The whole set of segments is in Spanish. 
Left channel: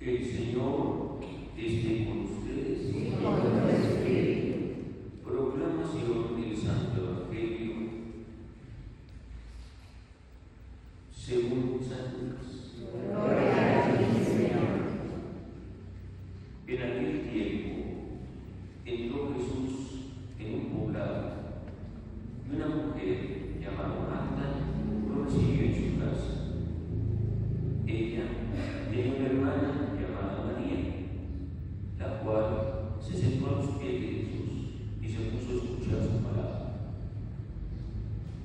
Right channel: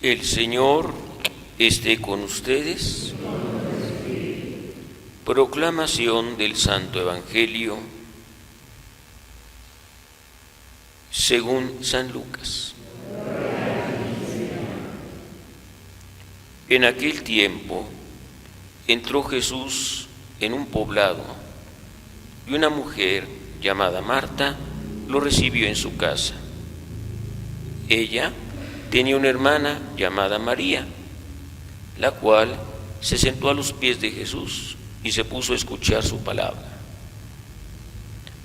El Señor esté con ustedes. Proclamación del Santo Evangelio según San Lucas. En aquel tiempo entró Jesús en un poblado y una mujer llamada Marta lo recibió en su casa. Ella tenía una hermana llamada María, la cual se sentó a los pies de Jesús y se puso a escuchar su palabra.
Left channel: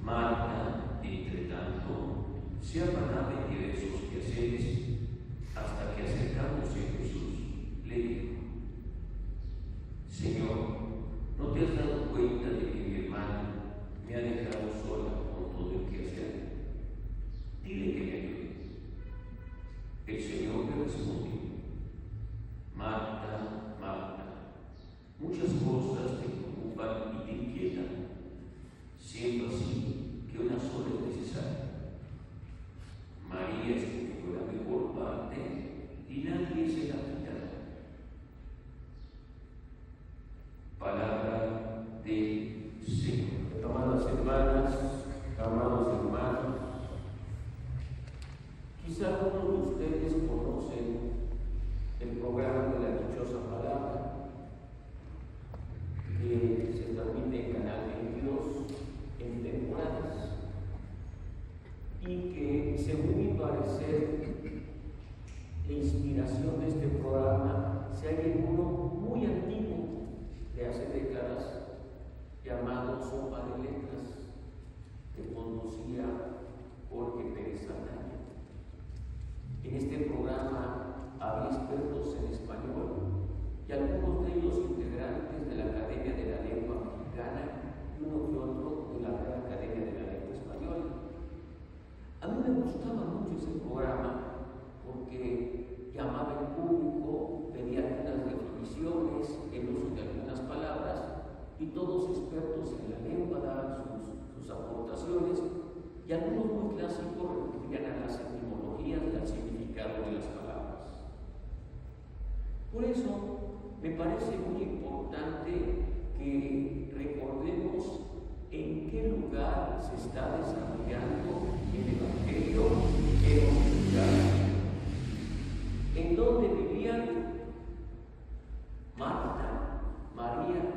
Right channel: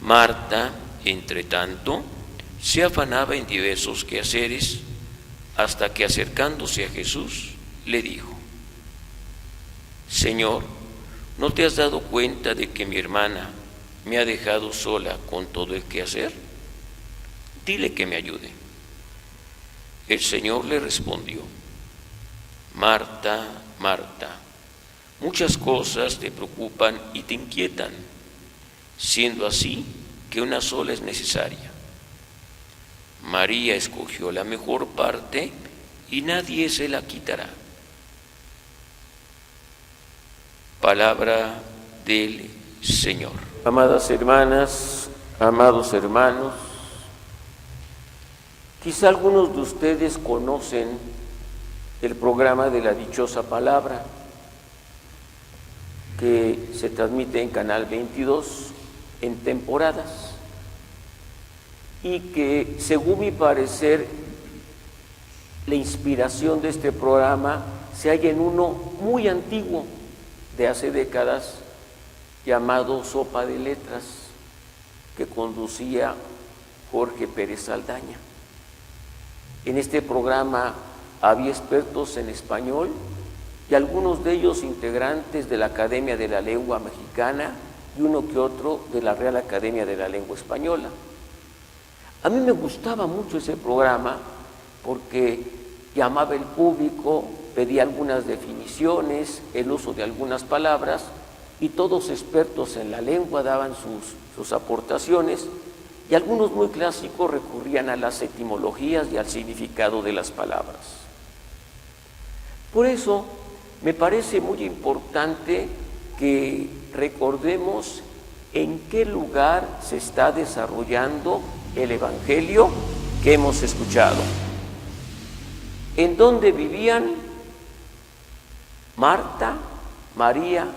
Marta, entre tanto, se afanaba en diversos quehaceres, hasta que acercándose a Jesús, le dijo: Señor, ¿no te has dado cuenta de que mi hermana me ha dejado sola con todo el quehacer? Dile que me ayude. El Señor le respondió: Marta, Marta, muchas cosas te preocupan y te inquietan, siendo así que una sola es necesaria. María escogió la mejor parte y nadie se la quitará. Palabra del Señor. Amadas hermanas, amados hermanos, quizá algunos de ustedes conocen el programa de la Dichosa Palabra, que se transmite en Canal 22 en temporadas y que, según mi parecer, la inspiración de este programa se halla en uno muy antiguo, de hace décadas, llamado Sopa de Letras, que conducía Jorge Pérez Saldaña. En este programa había expertos en español y algunos de ellos integrantes de la Academia de la Lengua Mexicana y uno que otro de la Real Academia de la Lengua Española. A mí me gustaba mucho ese programa porque llamaba al público, pedía algunas definiciones, el uso de algunas palabras, y todos expertos en la lengua daban sus aportaciones, y algunos muy clásicos recurrían a las etimologías y al significado de las palabras. Por eso me parece muy importante que recordemos en qué lugar se está desarrollando el Evangelio que hemos escuchado. ¿En dónde vivían Marta, María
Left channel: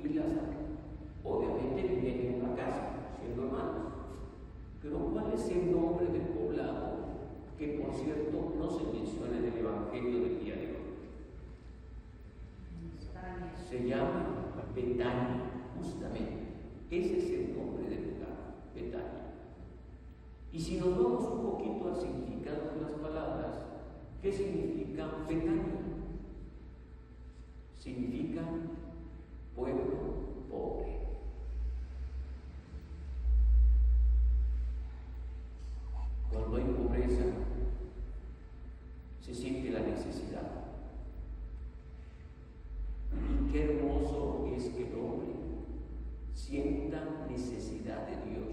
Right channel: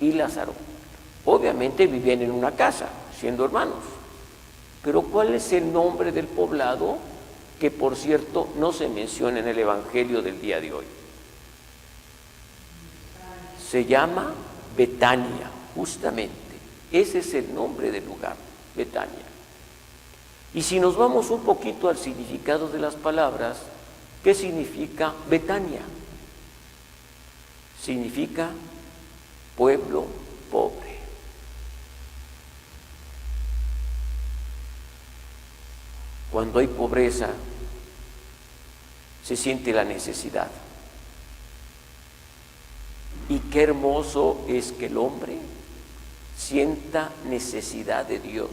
y Lázaro? Obviamente vivían en una casa, siendo hermanos. Pero ¿cuál es el nombre del poblado? Que, por cierto, no se menciona en el Evangelio del día de hoy. Se llama Betania, justamente. Ese es el nombre del lugar, Betania. Y si nos vamos un poquito al significado de las palabras, ¿qué significa Betania? Significa pueblo pobre. Cuando hay pobreza, se siente la necesidad. Y qué hermoso es que el hombre sienta necesidad de Dios,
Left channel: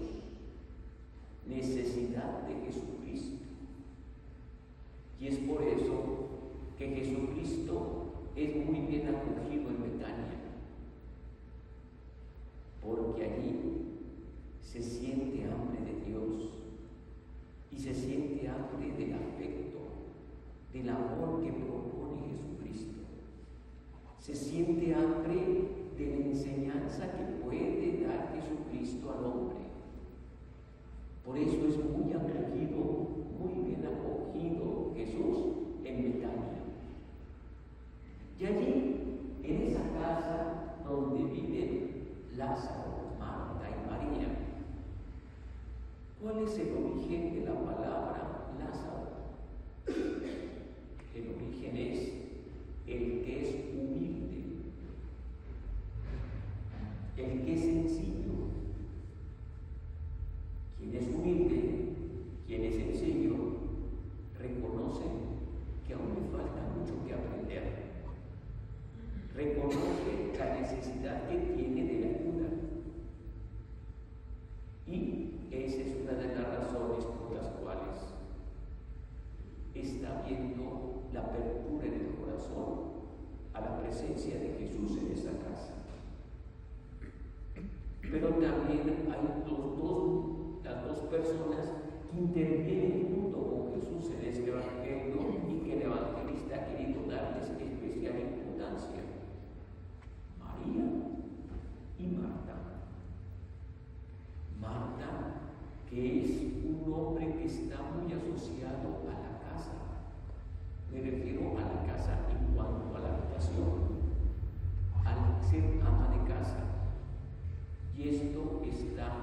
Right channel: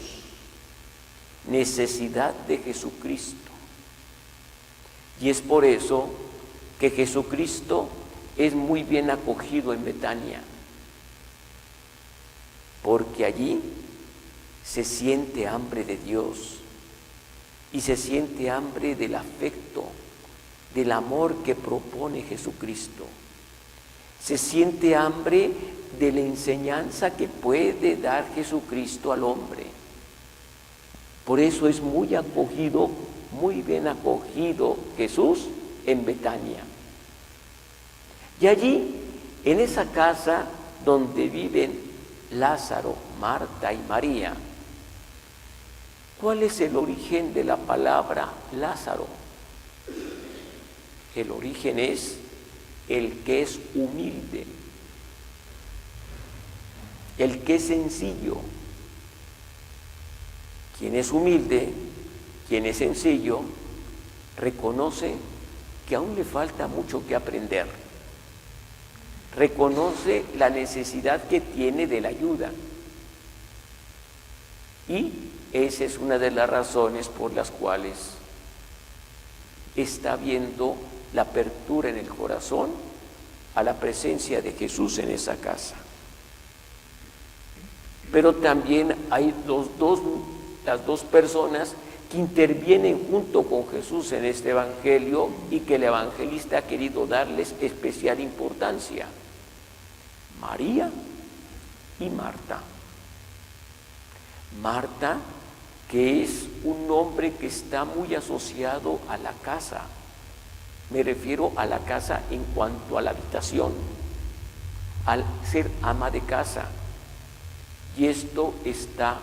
necesidad de Jesucristo. Y es por eso que Jesucristo es muy bien acogido en Betania, porque allí se siente hambre de Dios y se siente hambre del afecto, del amor que propone Jesucristo. Se siente hambre de la enseñanza que puede dar Jesucristo al hombre. Por eso es muy acogido, muy bien acogido Jesús en Betania. Y allí, en esa casa donde viven Lázaro, Marta y María, ¿cuál es el origen de la palabra Lázaro? El origen es el que es humilde, el que es sencillo. Quien es humilde, quien es sencillo, reconoce que aún le falta mucho que aprender. Reconoce la necesidad que tiene de la ayuda. Y esa es una de las razones por las cuales está viendo la apertura en el corazón a la presencia de Jesús en esa casa. Pero también hay las dos personas que intervienen junto con Jesús en este evangelio y que el evangelista ha querido darles especial importancia: María y Marta. Marta, que es un nombre que está muy asociado a la casa. Me refiero a la casa en cuanto a la habitación, al ser ama de casa. Y esto está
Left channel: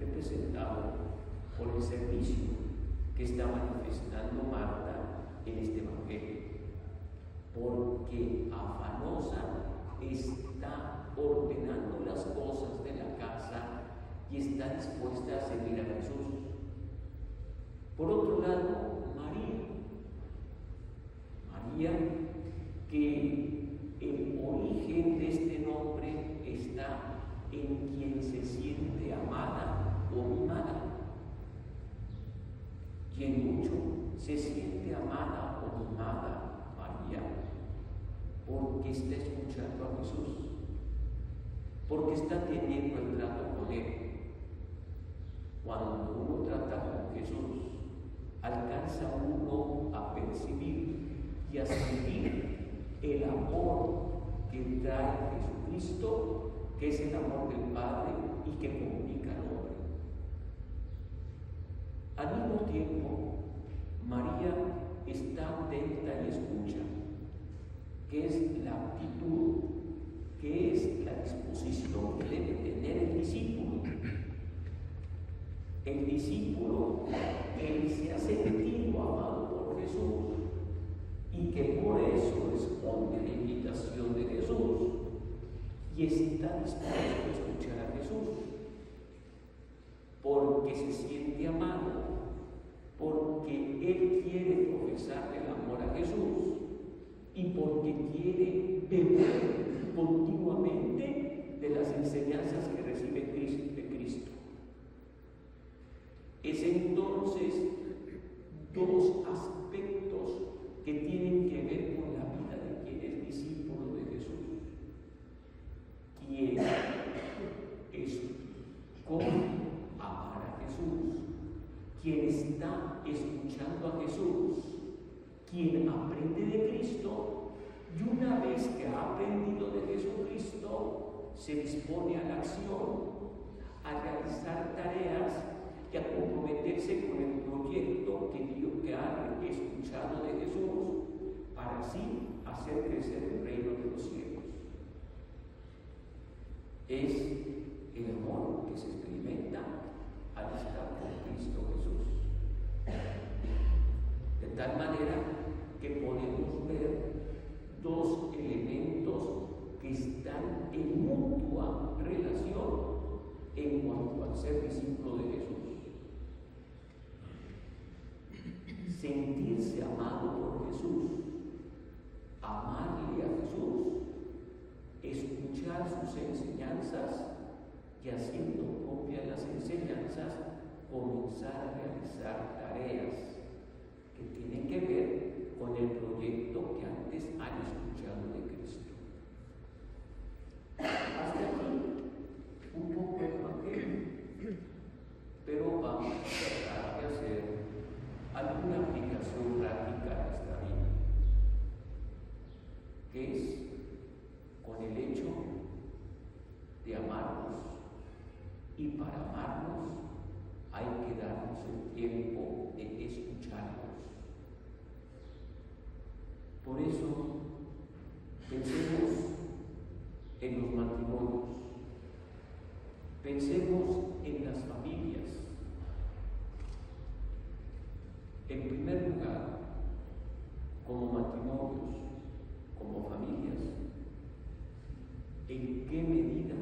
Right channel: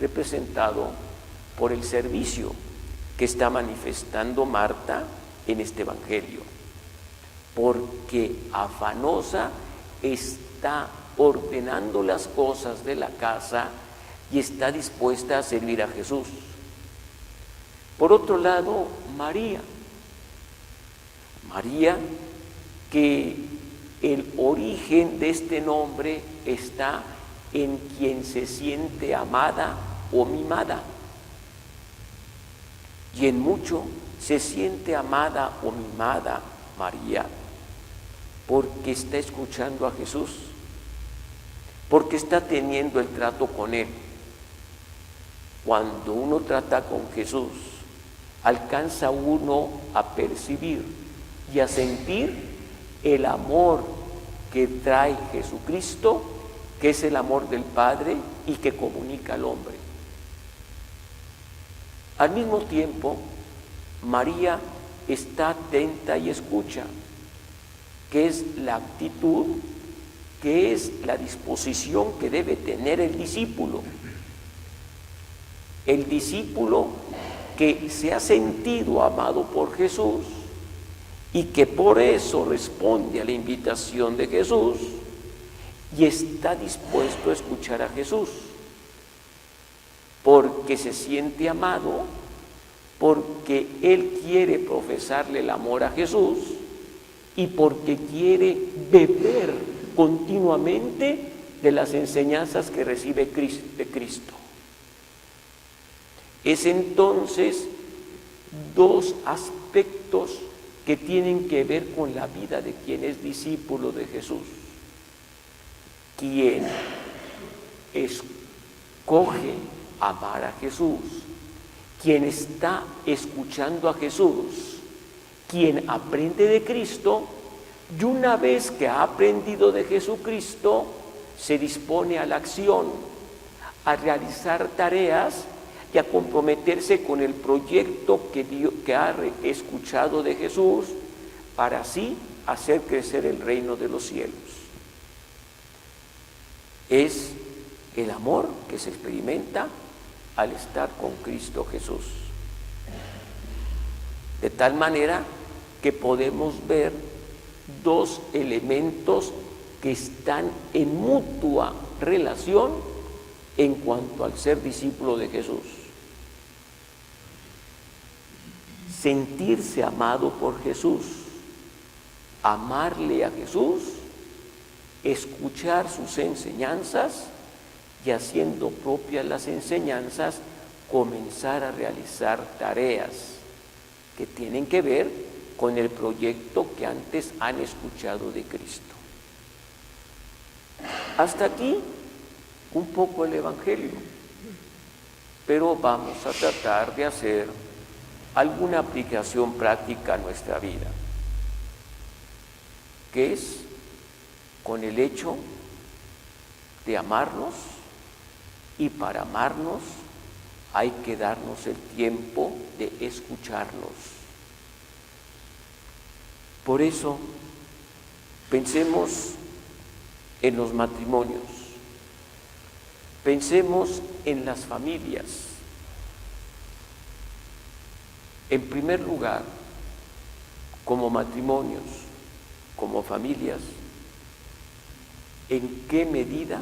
representado por el servicio que está manifestando Marta en este evangelio, porque afanosa está ordenando las cosas de la casa y está dispuesta a servir a Jesús. Por otro lado, María, que el origen de este nombre está en quien se siente amada o mimada, y en mucho se siente amada o mimada María, porque está escuchando a Jesús, porque está teniendo el trato con Él. Cuando uno trata con Jesús, alcanza uno a percibir y a sentir el amor que trae Jesucristo, que es el amor del Padre y que comunica al hombre. Al mismo tiempo, María está atenta y escucha, que es la actitud, que es la disposición que debe tener el discípulo. El discípulo que se ha sentido amado por Jesús y que por eso responde a la invitación de Jesús y está dispuesto a escuchar a Jesús, porque se siente amado, porque él quiere profesarle el amor a Jesús y porque quiere beber continuamente de las enseñanzas que recibe de Cristo. Es entonces dos aspectos que tienen que ver con la vida de quien es discípulo de Jesús. Quien escoge amar a Jesús, quien está escuchando a Jesús, quien aprende de Cristo, y una vez que ha aprendido de Jesucristo, se dispone a la acción, a realizar tareas y a comprometerse con el proyecto que ha escuchado de Jesús, para así hacer crecer el reino de los cielos. Es el amor que se experimenta al estar con Cristo Jesús. De tal manera que podemos ver dos elementos que están en mutua relación en cuanto al ser discípulo de Jesús. Sentirse amado por Jesús, amarle a Jesús, escuchar sus enseñanzas y, haciendo propias las enseñanzas, comenzar a realizar tareas que tienen que ver con el proyecto que antes han escuchado de Cristo. Hasta aquí un poco el Evangelio, pero vamos a tratar de hacer alguna aplicación práctica a nuestra vida, que es con el hecho de amarnos, y para amarnos hay que darnos el tiempo de escucharnos. Por eso, pensemos en los matrimonios, pensemos en las familias. En primer lugar, como matrimonios, como familias, ¿en qué medida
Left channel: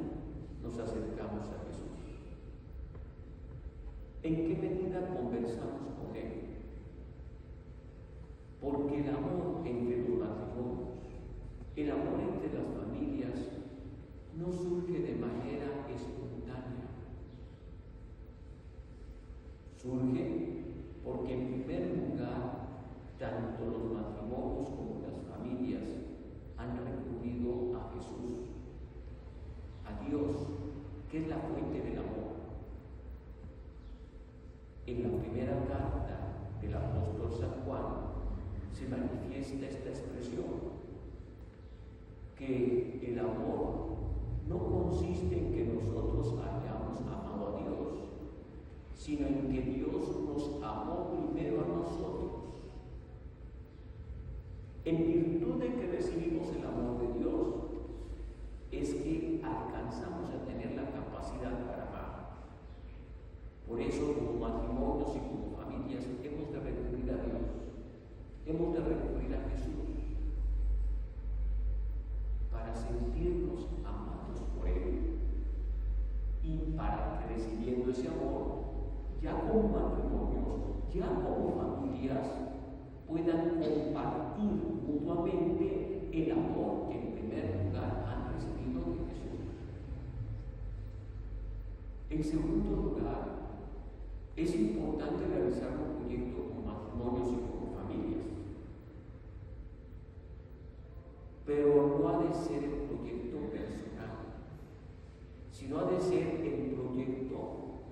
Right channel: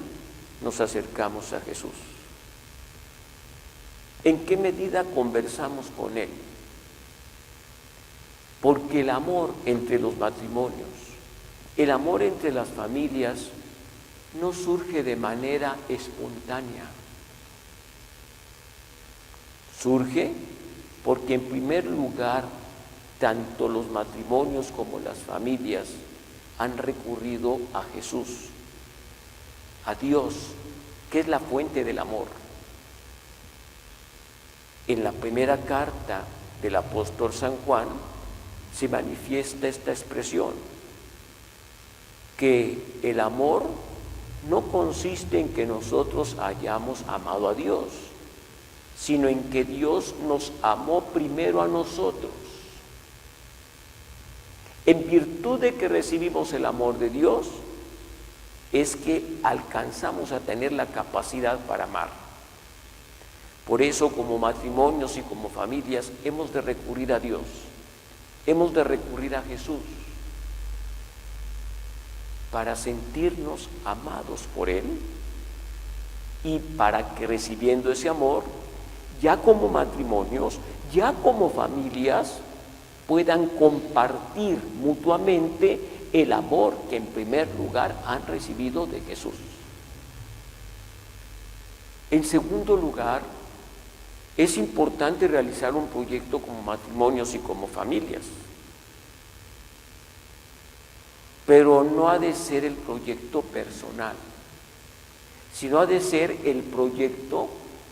nos acercamos a Jesús? ¿En qué medida conversamos con Él? Porque el amor entre los matrimonios, el amor entre las familias, no surge de manera espontánea. Surge porque, en primer lugar, tanto los matrimonios como las familias han recurrido a Jesús, a Dios, que es la fuente del amor. En la primera carta del apóstol San Juan se manifiesta esta expresión, que el amor no consiste en que nosotros hayamos amado a Dios, sino en que Dios nos amó primero a nosotros. En virtud de que recibimos el amor de Dios, es que alcanzamos a tener la capacidad para amar. Por eso, como matrimonios y como familias, hemos de recurrir a Dios, hemos de recurrir a Jesús, para sentirnos amados por Él y para que, recibiendo ese amor, ya como matrimonios, ya como familias, puedan compartir mutuamente el amor que en primer lugar han recibido de Jesús. En segundo lugar, es importante realizar un proyecto como matrimonios y como familias, pero no ha de ser el proyecto personal, sino ha de ser el proyecto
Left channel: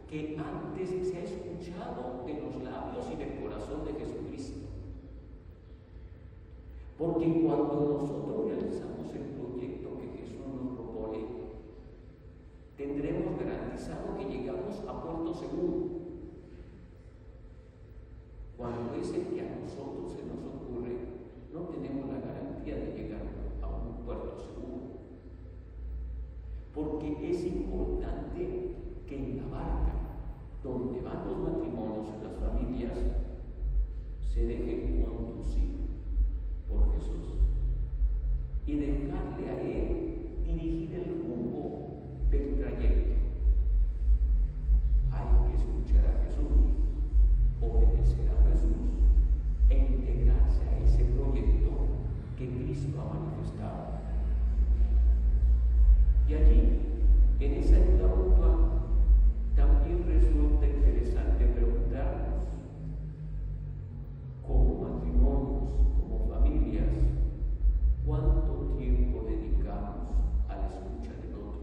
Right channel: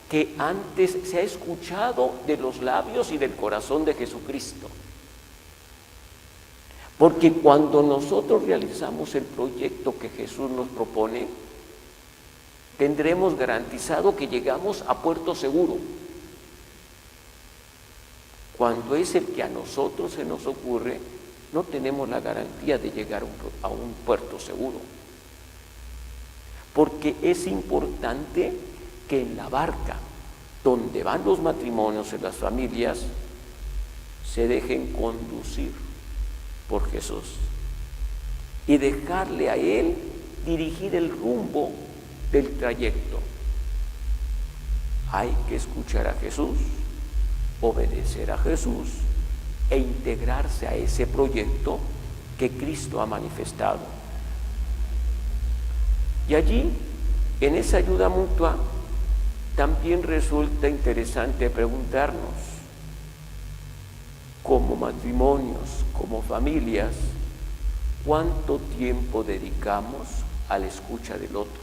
que antes se ha escuchado de los labios y del corazón de Jesucristo. Porque cuando nosotros realizamos el proyecto que Jesús nos propone, tendremos garantizado que llegamos a puerto seguro. Cuando es el que a nosotros se nos ocurre, no tenemos la garantía de llegar a un puerto seguro. Porque es importante que en la barca donde van los matrimonios y las familias se dejen conducir por Jesús y dejarle a Él dirigir el rumbo del trayecto. Hay que escuchar a Jesús, obedecer a Jesús e integrarse a ese proyecto que Cristo ha manifestado. Y allí, en esa ayuda mutua, también resulta interesante preguntarnos, como matrimonios, como familias, ¿cuánto tiempo dedicamos a la escucha del otro?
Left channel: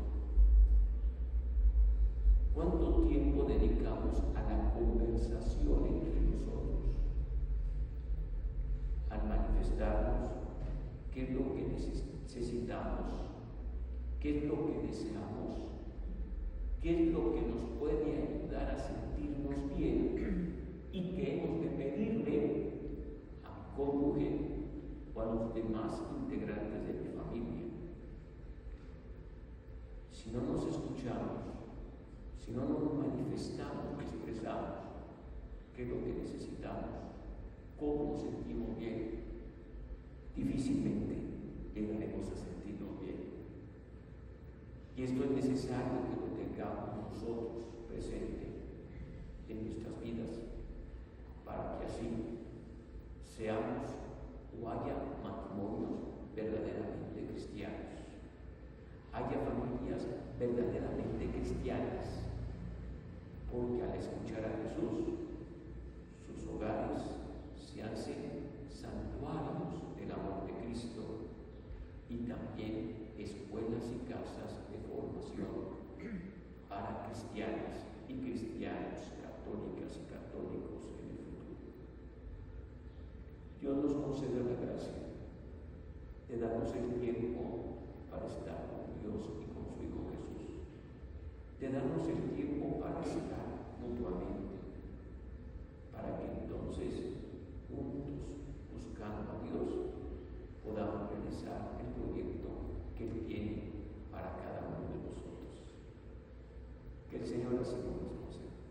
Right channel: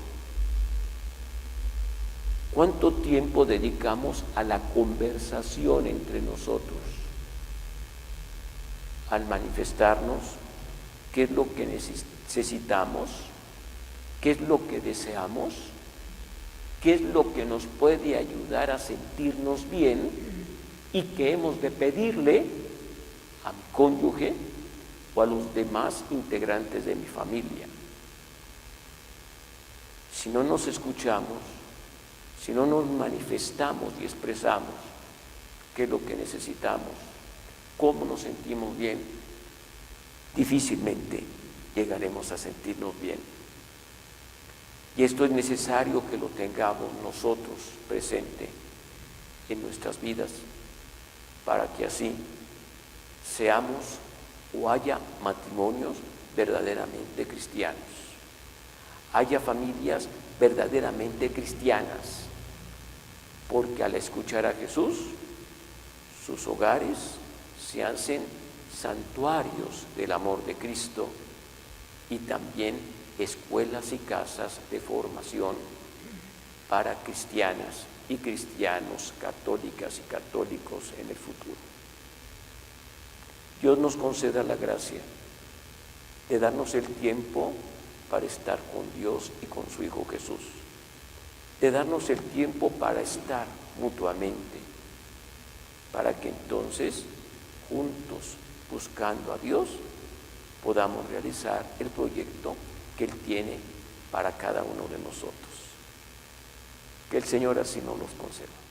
¿Cuánto tiempo dedicamos a la conversación entre nosotros? Al manifestarnos qué es lo que necesitamos, qué es lo que deseamos, qué es lo que nos puede ayudar a sentirnos bien y que hemos de pedirle a mi cónyuge o a los demás integrantes de mi familia. Si no nos escuchamos, si no nos manifestamos y expresamos qué es lo que necesitamos, cómo nos sentimos bien, difícilmente llegaremos a sentirnos bien. Y esto es necesario que lo tengamos nosotros presente en nuestras vidas para que así seamos o haya matrimonios verdaderamente cristianos, haya familias verdaderamente cristianas, porque al escuchar a Jesús, sus hogares se hacen santuarios del amor de Cristo y también escuelas y casas de formación para cristianas y cristianos, católicas y católicos en el futuro. Dios nos conceda la gracia de darnos el tiempo para estar con Dios y con su Hijo Jesús, de darnos el tiempo para estar mutuamente, para que entonces, juntos, buscando a Dios, podamos realizar el proyecto que Él tiene para cada uno de nosotros. Que el Señor así nos los conceda.